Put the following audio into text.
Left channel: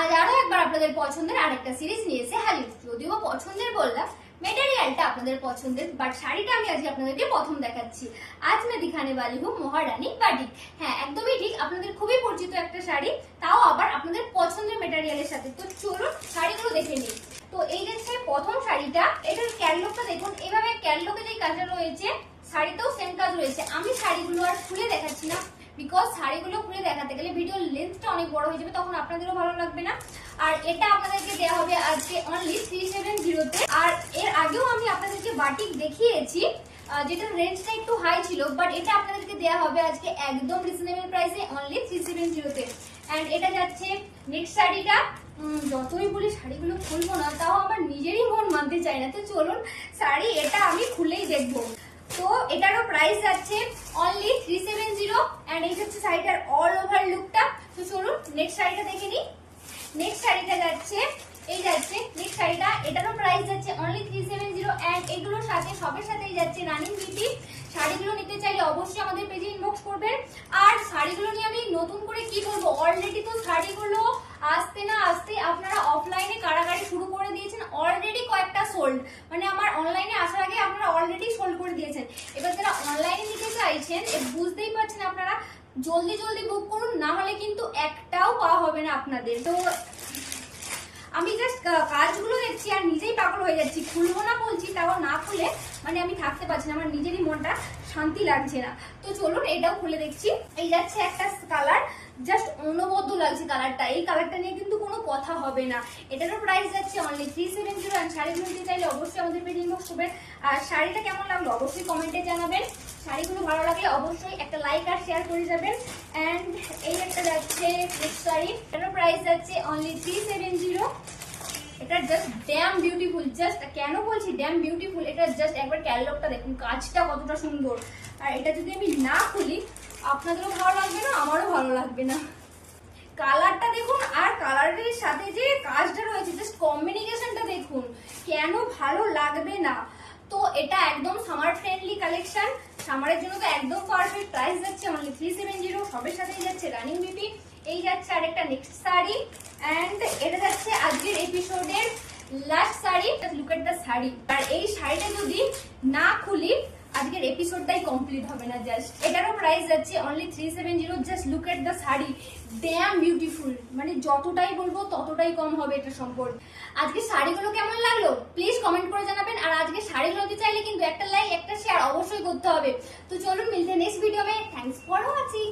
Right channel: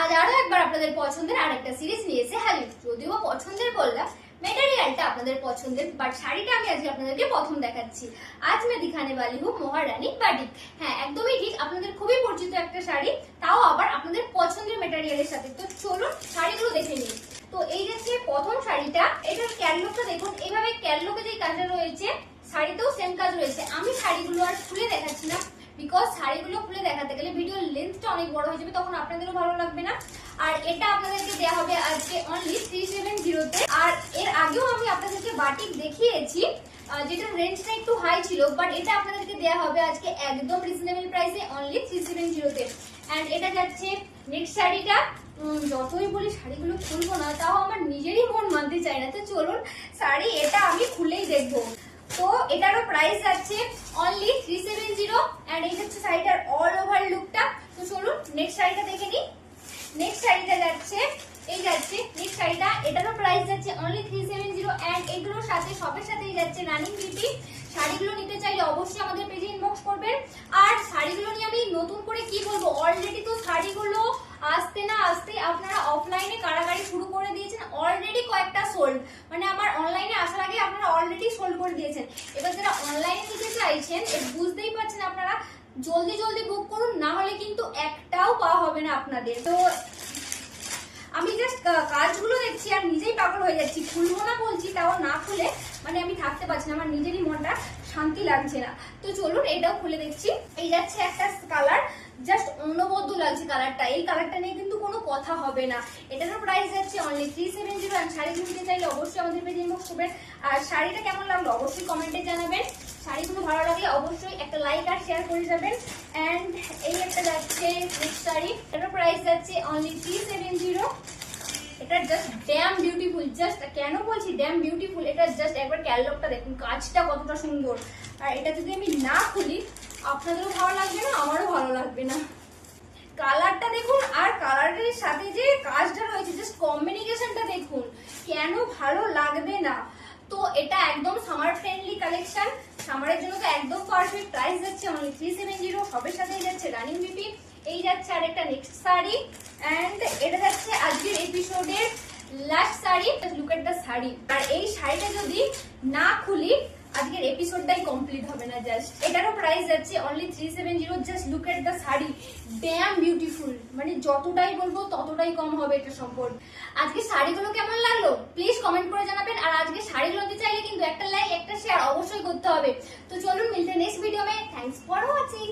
আজ আরো একবার আপনাদের পছন্দের আরেকটা সিরিজ নিয়ে এসে হাজির। যদিও পছন্দের বললাম, মেটেরিয়ালটা আপনাদের পছন্দের, বাট শাড়িটা আমি আজকে আপনাদেরকে প্রথম দেখাচ্ছি। আজ मैं दिखाने वाली हूँ মহারানী বাটিক। হ্যাঁ, একদমই ঠিক, আপনাদের খুবই পরিচিত একটা শাড়ি, তাও আবার আপনাদের পছন্দের মেটেরিয়ালের সাথে। তো চলুন শাড়িগুলো দেখে নিই। তো এই যে প্রথম শাড়িটা, এটার ক্যাটলগটা দেখুন। এইভাবে ক্যাটলগে যে কাজটা রয়েছে, শাড়িতেও সেম কাজ রয়েছে। আমি শাড়িগুলো আর খুলে দেখাচ্ছি না, বিকজ শাড়িগুলো খুলে দেখাতে গেলে ভিডিওর লেন্থটা অনেক বড় হয়ে যাবে, তখন আপনাদেরও ভালো লাগবে না। আর এটা আপনাদেরকে দেওয়া হবে আজকে অনলি 370 তে। আর এর আগেও আমি আপনাদেরকে বাটিক দেখিয়েছি, যেটা রেঞ্জটা একটু হাই ছিল, বাট এটা আপনাদেরকে দেওয়া হবে আজকে একদম রিজনেবল প্রাইসে অনলি 370 তে। এন্ড এটা যাচ্ছে নেক্সট শাড়িটা। যতই বলি শাড়িগুলো খুলবো না, তাও আমার নিজেরই মন মানতে চায় না। তো চলুন শাড়ি এটা আমি খুলেই দেখবো। তো এটারও প্রাইস যাচ্ছে অনলি 370 এন্ড এই হচ্ছে শাড়িটার অল ওভার লুকটা। তো চলুন নেক্সট শাড়িটা দেখে নিই। নেক্সট শাড়িটা যাচ্ছে নেক্সট শাড়িটা, এটারও প্রাইস যাচ্ছে অনলি 370 এন্ড এগুলোর সাথে সবের সাথেই যাচ্ছে রানিং বিউটি। শাড়িগুলো নিতে চাইলে অবশ্যই আমাদের পেজে ইনবক্স করবেন। আর শাড়িগুলো নিয়ে আমি নতুন করে কি বলবো, অলরেডি তো শাড়িগুলো আসতে না আসতে আপনারা অফলাইনে কারাগারি শুরু করে দিয়েছেন। অলরেডি কয়েকটা সোল্ড, মানে আমার অনলাইনে আসার আগে আপনারা অলরেডি সোল্ড করে দিয়েছেন। এবার যারা অনলাইনে নিতে চাইছেন, বুঝতেই পারছেন আপনারা জলদি জলদি বুক করুন, না হলে কিন্তু একটাও পাওয়া হবে না আপনাদের। তো আমি জাস্ট কাজগুলো দেখছি আর নিজেই পাগল হয়ে যাচ্ছি। খুলবো না বলছি, তাও না খুলে মানে আমি থাকতে পারছি না, আমার নিজেরই মনটা শান্তি লাগছে না। তো চলুন এটাও খুলে দেখছি। এই যাচ্ছে একটা কালার, জাস্ট অনবদ্য লাগছে কালারটা। এই কালারটা নিয়ে কিন্তু কোনো কথা হবে না। এটারও প্রাইস যাচ্ছে অনলি 370 এন্ড শাড়িগুলো নিতে চাইলে অবশ্যই আমাদের পেজে ইনবক্স করবেন। আর শাড়িটা কেমন লাগলো অবশ্যই কমেন্টে জানাবেন। শাড়িগুলো ভালো লাগলে অবশ্যই একটা লাইক আর শেয়ার করে যাবেন। এন্ড এই একটা যাচ্ছে নেক্সট শাড়ি, এটার প্রাইস যাচ্ছে অনলি 370। এটা জাস্ট ড্যাম বিউটিফুল। জাস্ট কেন বলছি ড্যাম বিউটিফুল, এটা জাস্ট একবার ক্যাটালগটা দেখুন, কাজটা কতটা সুন্দর। আর এটা যদি আমি না খুলি, আপনাদেরও ভালো লাগবে না, আমারও ভালো লাগবে না। কালারটা দেখুন, আর কালারের সাথে যে কাজটা রয়েছে, জাস্ট কম্বিনেশনটা দেখুন, কেন ভালো লাগবে না। তো এটা একদম সামার ফ্রেন্ডলি কালেকশন, সামারের জন্য তো একদম পারফেক্ট। প্রাইস যাচ্ছে অনলি 370, সবের সাথেই যাচ্ছে রানিং বিউটি। এই যাচ্ছে আরেকটা নেক্সট শাড়ি এন্ড এটা যাচ্ছে আজকের এপিসোডের last sari. Look at the sari. আর এই শাড়িটা যদি না খুলি, আজকের এপিসোডটাই কমপ্লিট হবে না। জাস্ট এটারও প্রাইস যাচ্ছে only 370। Just look at the sari, dam beautiful. মানে যতটাই বলবো ততটাই কম হবে এটা সম্পর্কে। আজকে শাড়িগুলো কেমন লাগলো প্লিজ কমেন্ট করে জানাবেন। আর আজকে শাড়িগুলো নিতে চাইলে কিন্তু একটা লাইক একটা শেয়ার অবশ্যই করতে হবে। তো চলুন মিলতে next video May. Thanks for watching.